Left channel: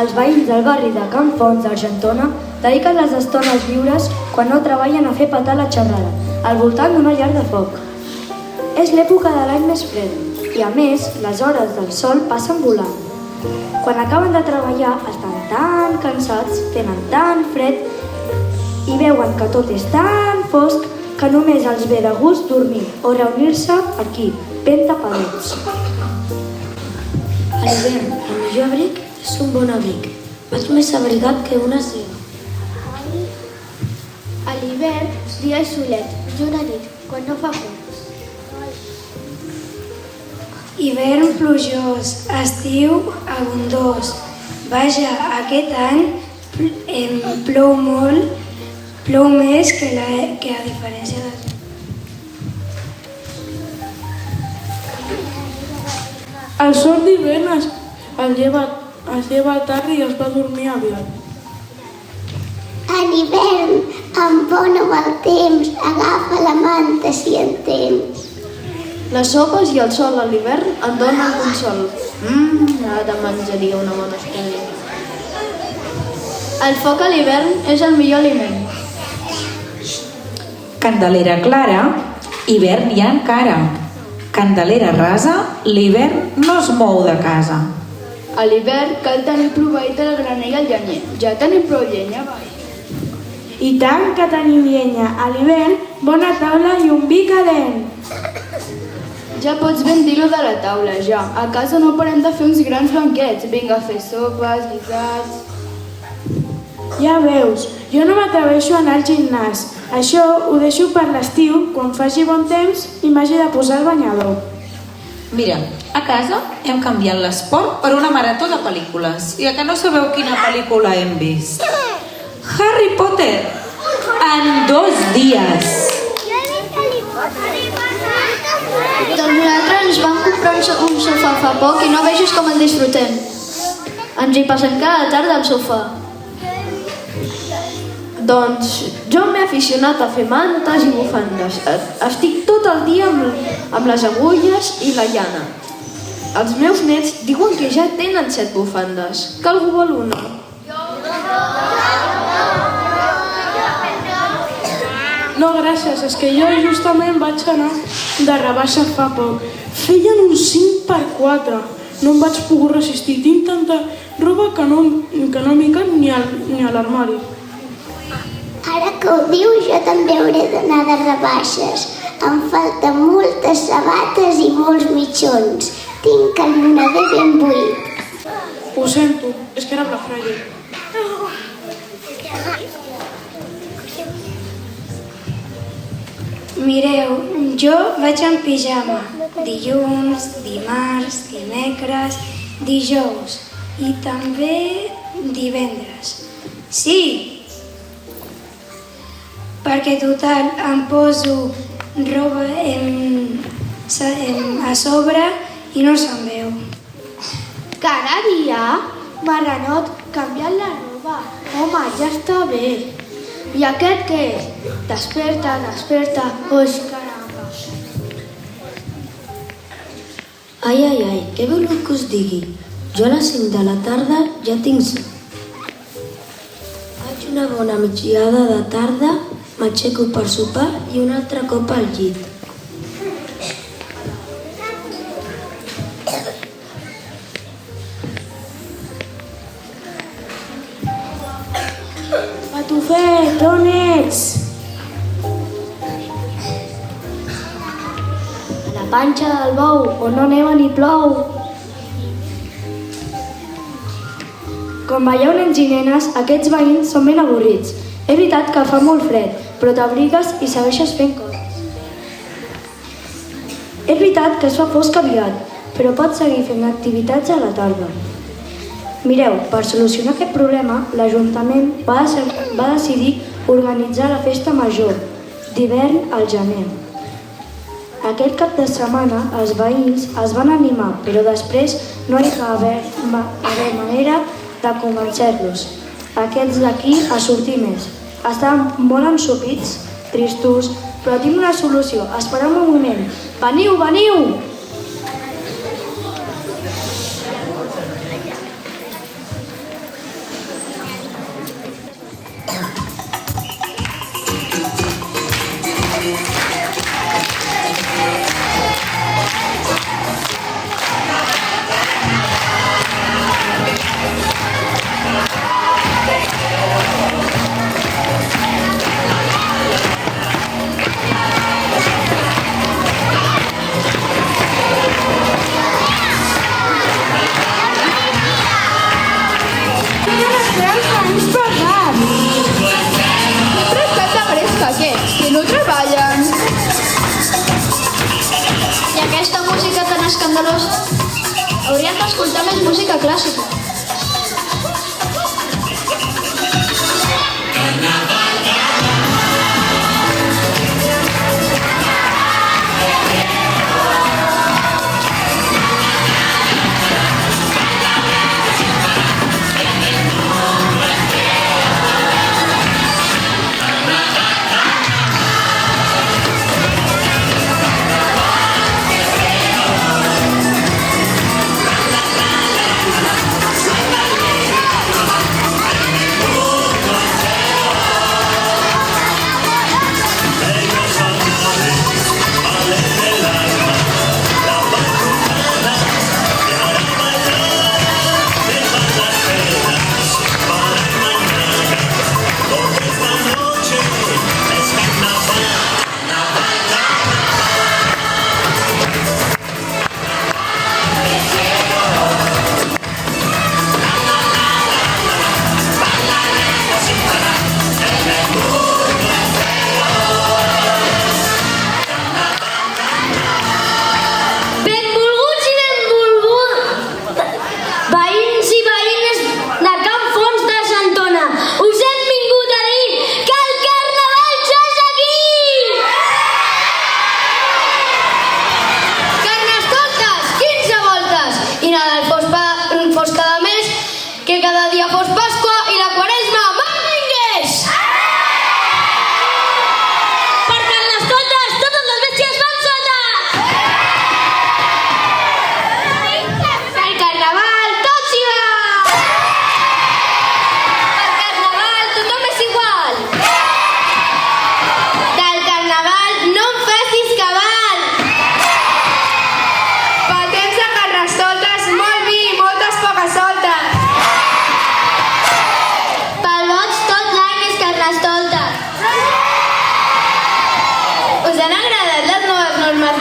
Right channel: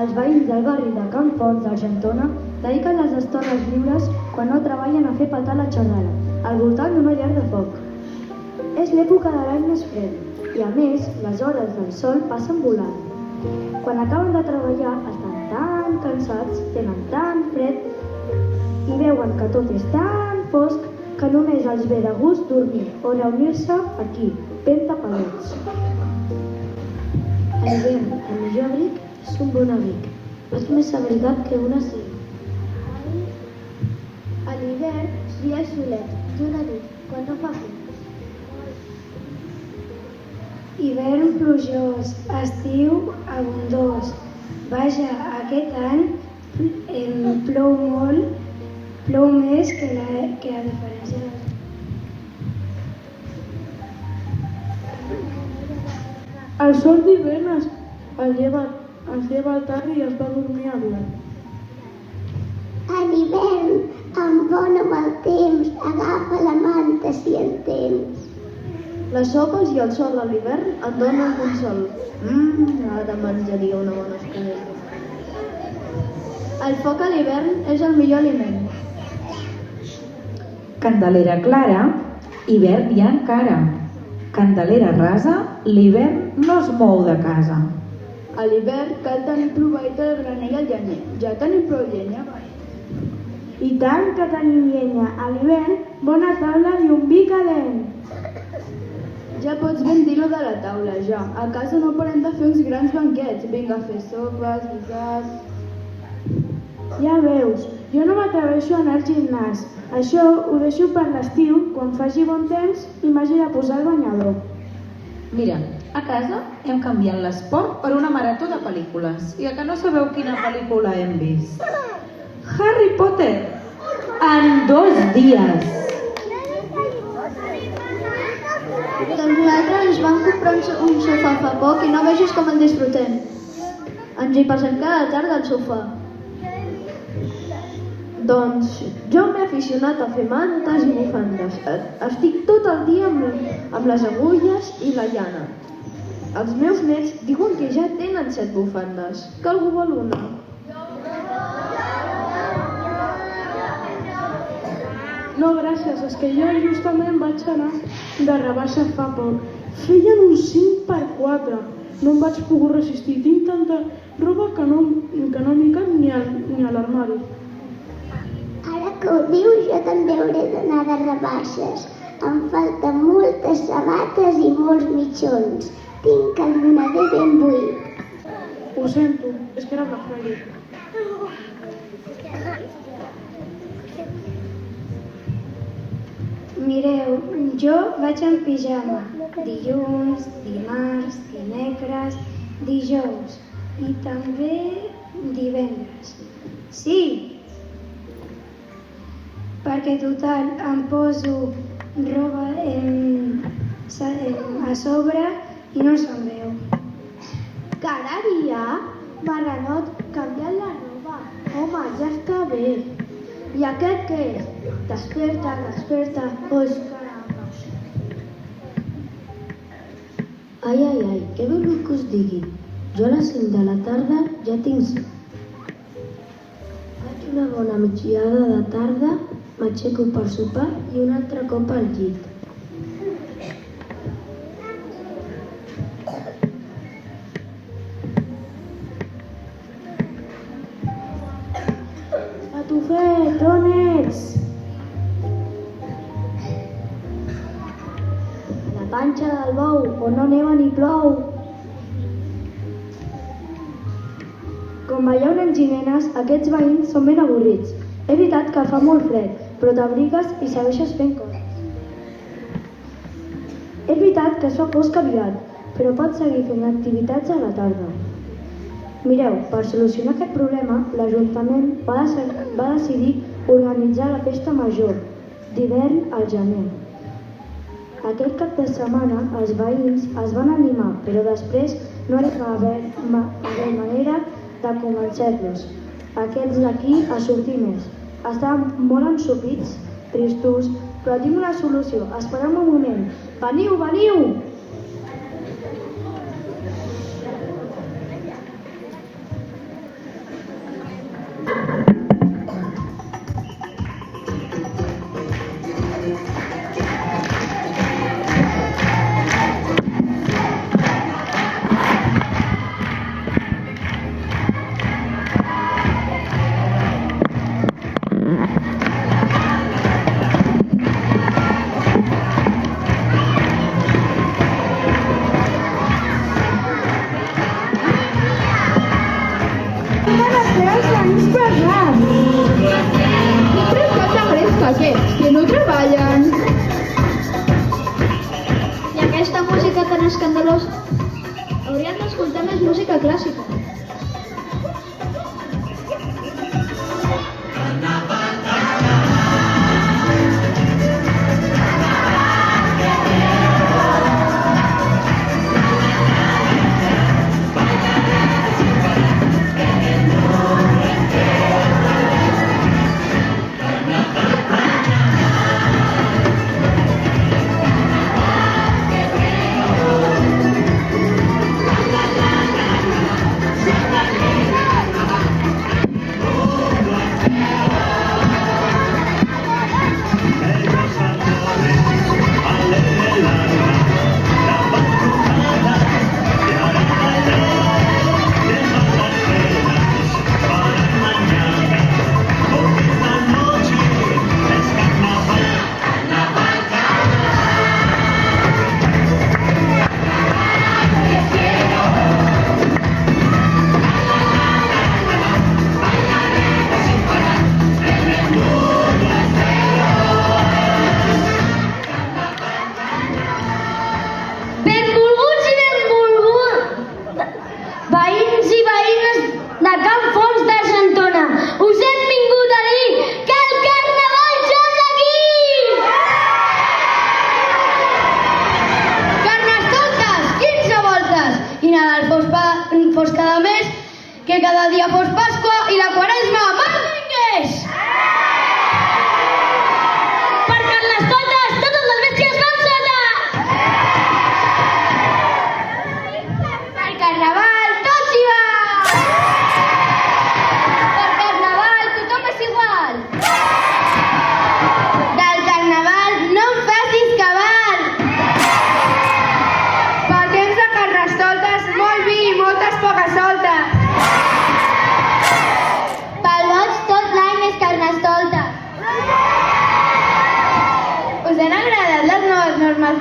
Els veïns del barri de Can Fons d'Argentona dediquen les estones lliures quan no treballen a fer petar la xerrada, al voltant d'una llar de foc. És l'època de l'any més fred i, a més, les hores del sol passen volant. Quan acaben de treballar estan tan cansats, tenen tan fred i veuen que tot és tan fosc que només els ve de gust dormir o reunir-se aquí, ben tapadets. A l'hivern, el millor abric és un bon abric. Vaig més abrigat que una seda. A l'hivern, dia i solet, i una nit, quan no fa fred. Hivern plujós, estiu abundós. Vaja, aquest any plou molt, plou més que a diferència de... El sol d'hivern es lleva tard i es va dormir aviat. A l'hivern, amb bon o mal temps, agafa la manta si en tens. Les sopes i el sol a l'hivern et donen consol. Ara menjaria una bona estona. El foc a l'hivern és el millor aliment. Candelera clara, hivern hi ha encara. Candelera rasa, l'hivern no es mou de casa. A l'hivern cal tenir proveït el graner i el llenyer. Ja tenim prou llenya, vai. I tant que tenim llenya. A l'hivern, bona taula i un vi calent. Ja pots ben dir-ho de la taula, ja. A casa no parem de fer uns grans banquets. Vinga a fer sopes, guisats... Ja veus, jo no m'atreveixo a anar al gimnàs. Això ho deixo per l'estiu, quan faci bon temps i m'hagi de posar el banyador. Mira, a casa hem canviat l'esport per una marató de pel·lícules. I a que no sabeu quina pel·lícula hem vist? Harry Potter! En 2 dies! Doncs nosaltres ens vam comprar un sofà fa poc i no vegis com el disfrutem. Ens hi passem cada tarda al sofà. Doncs jo m'he aficionat a fer mantes i bufandes. Estic tot el dia amb les agulles i la llana. Els meus nets diuen que ja tenen 7 bufandes. Que algú vol una? No, gràcies, és que jo justament vaig anar de rebaixa fa poc. Feien un 5x4. No em vaig poder resistir. Tinc tanta roba que no m'hi cap ni a l'armari. Ara que ho diu, jo també hauré d'anar de rebaixes. Em falten moltes sabates i molts mitjons. Tinc el moneder ben buit. Ho sento, és que era Black Friday. Mireu, jo vaig en pijama. Dilluns, dimarts, dimecres, dijous i també divendres. Sí! Perquè total em poso roba a sobre i no se'n veu. Cada dia, marranot, canviant la roba. Home, ja està bé. I aquest què és? Desperta, desperta. Oix, caramba. Ai, què voleu que us digui? Jo a les 5 de la tarda ja tinc son. Faig una bona migdiada de tarda, m'aixeco per sopar i un altre cop al llit. Patufet, on ets? La panxa del bou, on no neva ni plou. Com veieu, nens i nenes, aquests veïns són ben avorrits. És veritat que fa molt fred, però t'abrigues i segueixes fent coses. És veritat que es fa fosc aviat, però pots seguir fent activitats a la tarda. Mireu, per solucionar aquest problema, l'Ajuntament va decidir organitzar la festa major d'hivern al gener. Aquest cap de setmana els veïns es van animar, però després no hi va haver manera de convencer-los. Aquests d'aquí a sortir més. Estaven molt ensopits, tristos, però tinc una solució. Espereu un moment. Veniu, veniu! Que no treballen. I aquesta música tan escandalosa? Hauríem d'escoltar més música clàssica.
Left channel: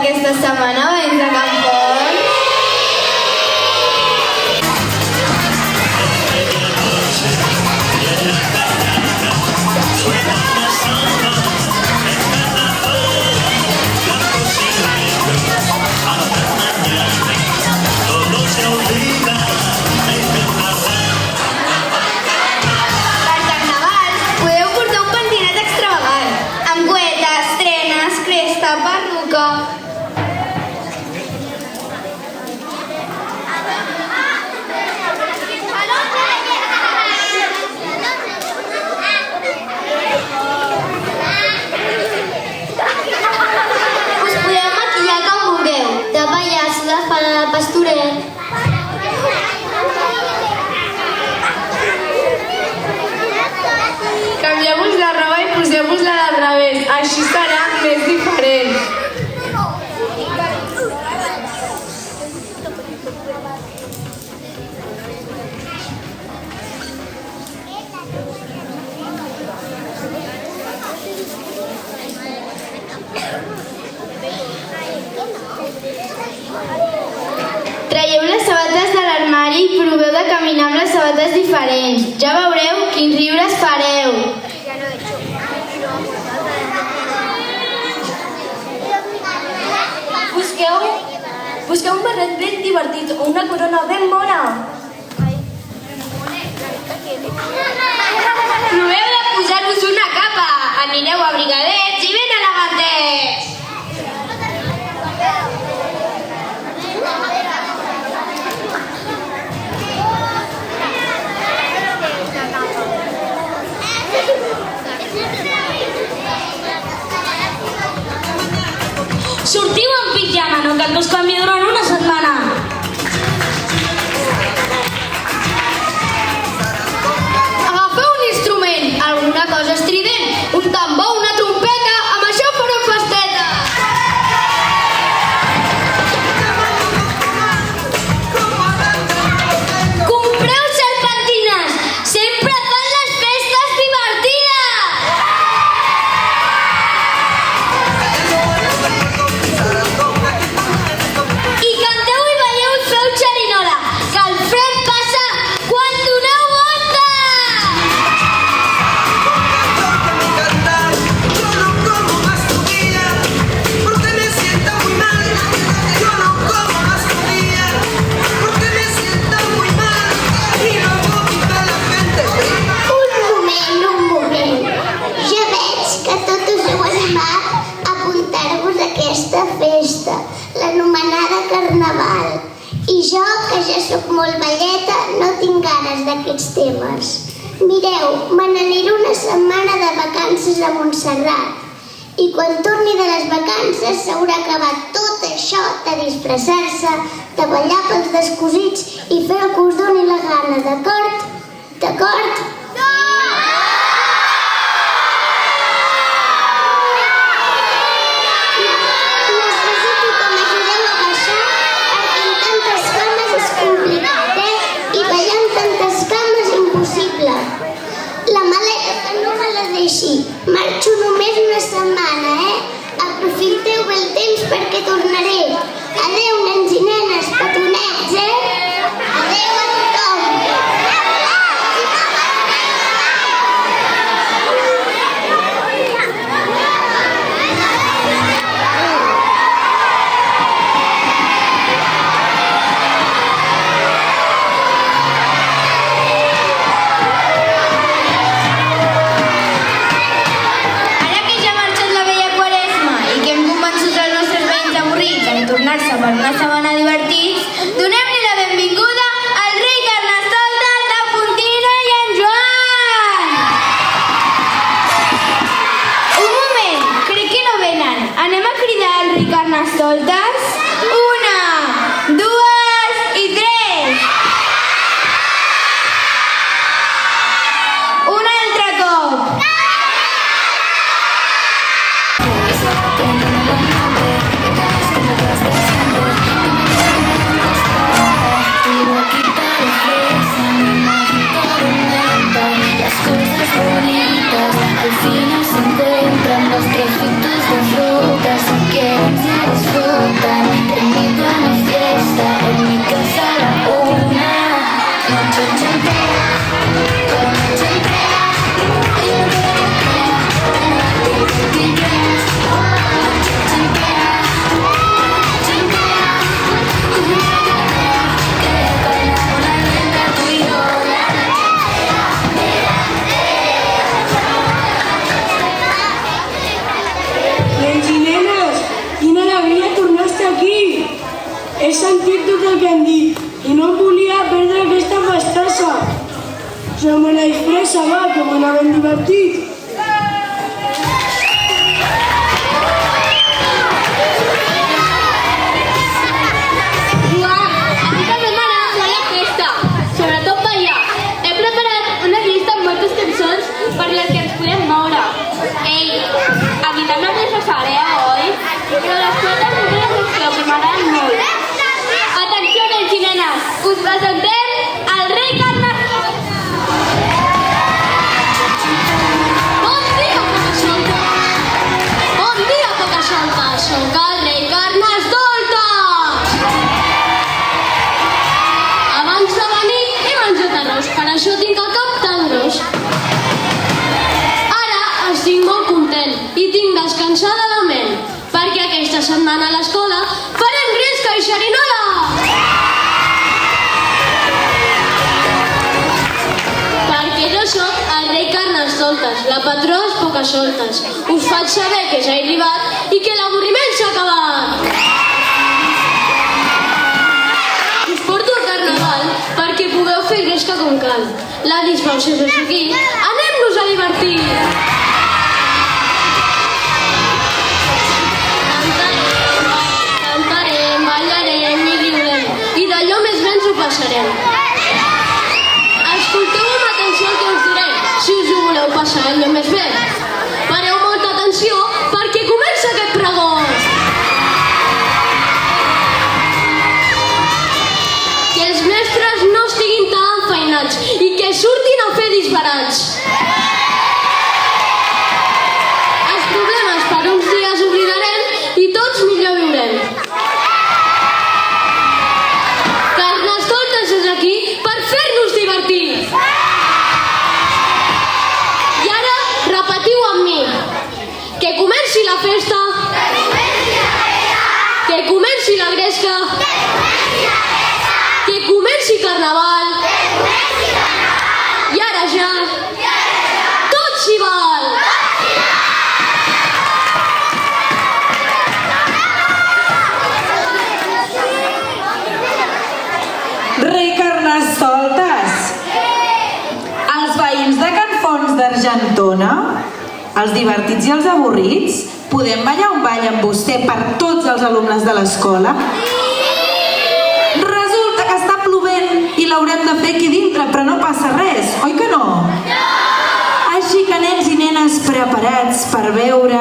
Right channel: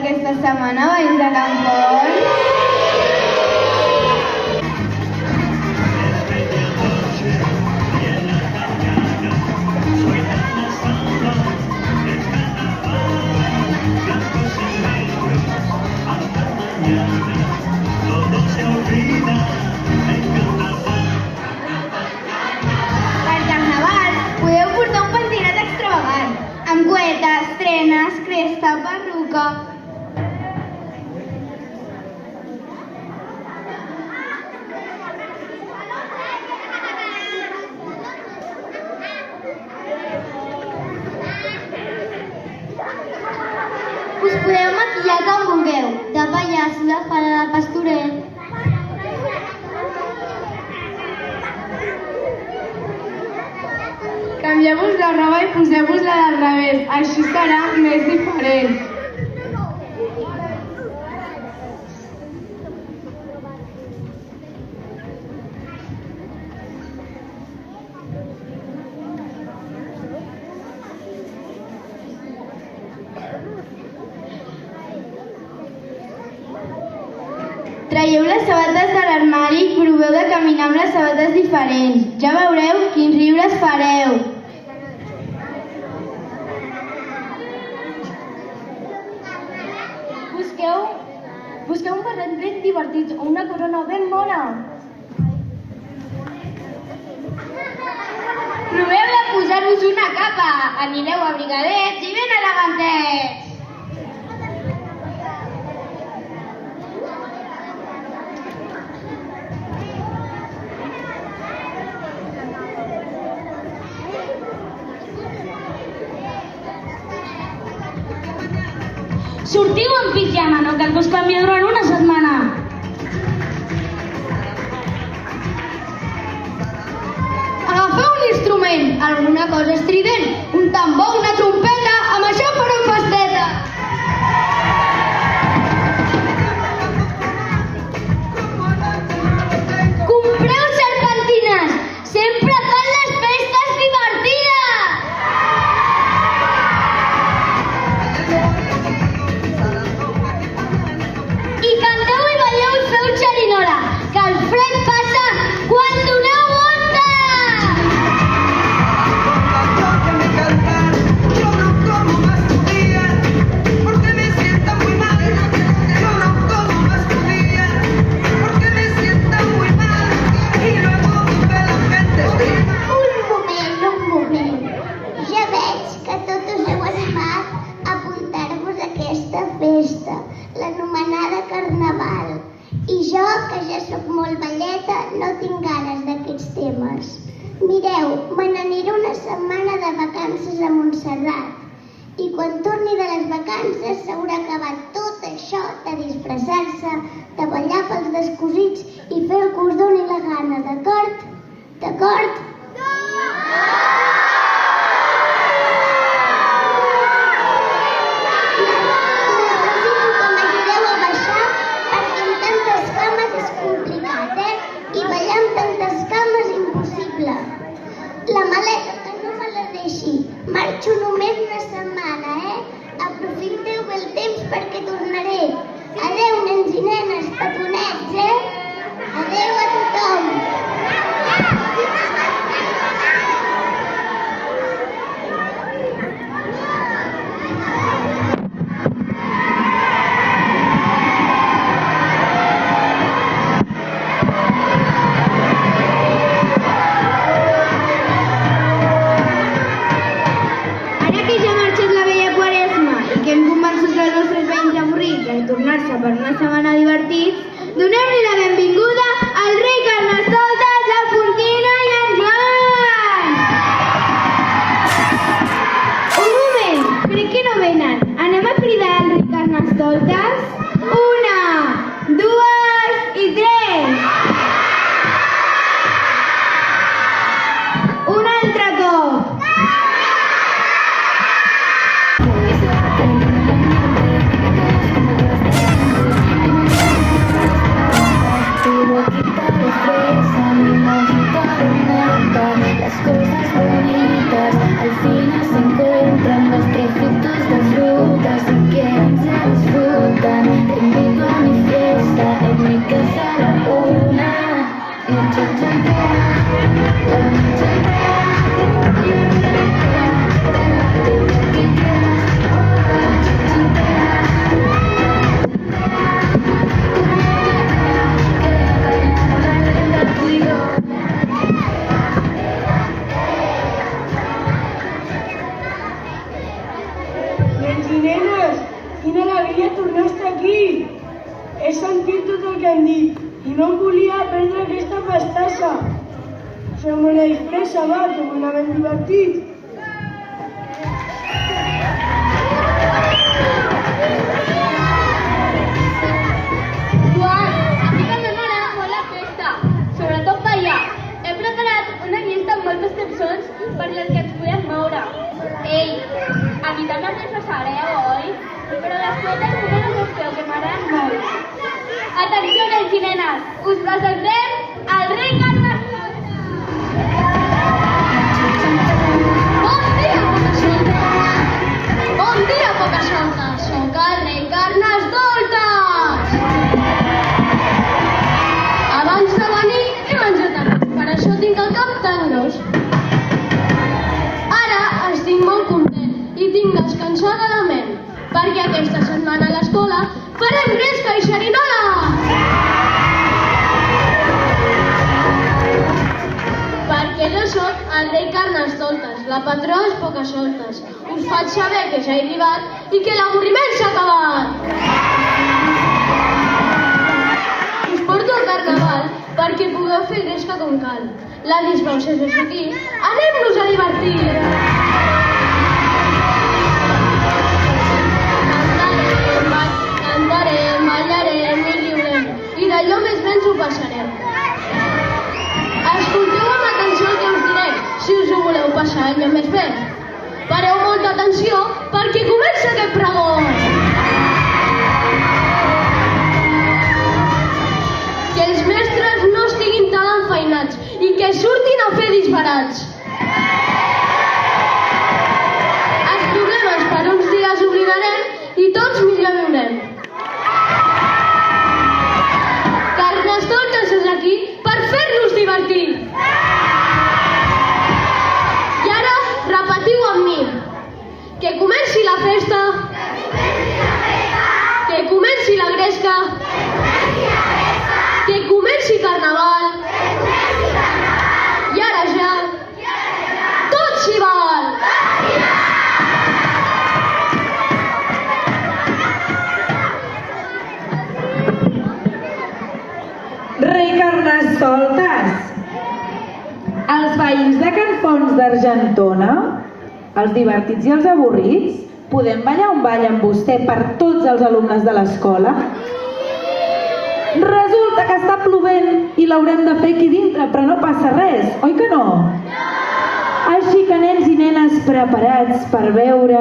Aquesta setmana veïns de Campons. Per carnaval podeu portar un pentinat extravagant, amb cuetes, trenes, cresta, perruca. La fada de pastoret. Canvieu-vos la roba i poseu-vos-la del revés, així serà més diferent. Traieu les sabates de l'armari i proveu de caminar amb les sabates diferents. Ja veureu quins riures fareu. Busqueu un barret ben divertit o una corona ben bona. Proveu de posar-vos una capa. Anireu abrigadets i ben elegantets. Sortiu en pijama, no cal que us canvi durant una setmana. Agafeu un instrument, alguna cosa estrident, un tambor, una trompeta, amb això fareu animat a apuntar-vos a aquesta festa, l'anomenada Carnaval. I jo, que ja sóc molt velleta, no tinc ganes d'aquests temes. Mireu, me n'aniré una setmana de vacances a Montserrat. I quan torni de les vacances s'haurà acabat tot això de disfressar-se, de ballar pels descosits i fer el que us doni la gana, d'acord? D'acord? Marxo només una setmana, Aprofiteu bé el temps perquè tornaré. Adeu, nens i nenes, petonets, Adeu a tothom. Per una setmana divertits, donem-li la benvinguda al rei Carnestoltes, la Fontina i en Joan! Un moment, crec que no venen. Anem a cridar al rei Carnestoltes? 1, 2 i 3! Un altre cop! Las cosas bonitas al final se encuentran, los trocitos de fruta se quieren, se disfrutan. Te invito a mi fiesta, en mi casa a la 1. Noche entera, noche entera, Nens i nenes, quina alegria tornar a estar aquí! He sentit tot el que han dit i no em volia perdre aquesta festassa. Som una disfressa, va, que me n'havem divertit. Joan, avui també m'agrada molt la festa, sobretot ballar. He preparat una llista amb moltes cançons per les que ens podem moure. Ei, a mi també us les fareu, oi? Però les festes encara us feu, que m'agraden molt. Atenció, nens i nenes, us presentem el rei Carnestoltes. Bon dia, Pocahontas! Bon dia, Pocahontas! Soc el rei Carnestoltes! Abans de venir he menjat arròs, per això tinc el cap tan gros. Ara estic molt content i tinc descansada la ment, perquè aquesta setmana a l'escola farem gresca i xerinola! Perquè jo soc el rei Carnestoltes, la patró és Pocahontas. Us faig saber que ja he arribat i que l'avorriment s'ha acabat. Us porto al carnaval perquè pugueu fer gresca com cal. La disbauxa és aquí, anem-nos a divertir! Cantarem, ballarem i riurem, i d'allò més bé ens ho passarem. Escolteu amb atenció el que us diré, si us ho voleu passar allò més bé. Pareu molta atenció perquè comença aquest pregó. Que els mestres no estiguin tan enfeinats i que surtin a fer disbarats. Els problemes per uns dies oblidarem i tots millor viurem. Carnestoltes és aquí per fer-nos divertir. I ara repetiu amb mi. Que comenci la festa. Que comenci la gresca. Que comenci carnaval. I ara ja tot s'hi val. Perdona? Els divertits i els avorrits? Podem ballar un ball amb vostè per tots els alumnes de l'escola? Resulta que està plovent i l'haurem de fer aquí dintre, però no passa res, oi que no? Així que nens i nenes preparats per veure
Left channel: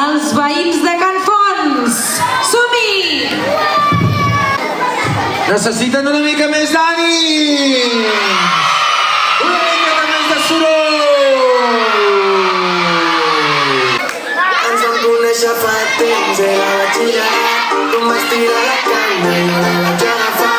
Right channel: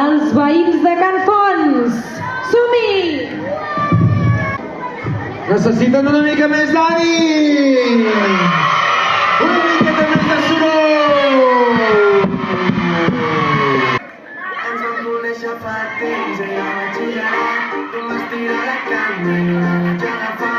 els veïns de Can Fons. Som-hi! Necessiten una mica més d'ànim! Una mica més de soroll! Ens vam conèixer fa temps, era batxillerat. Tu m'has tirat la canya i jo la vaig agafar.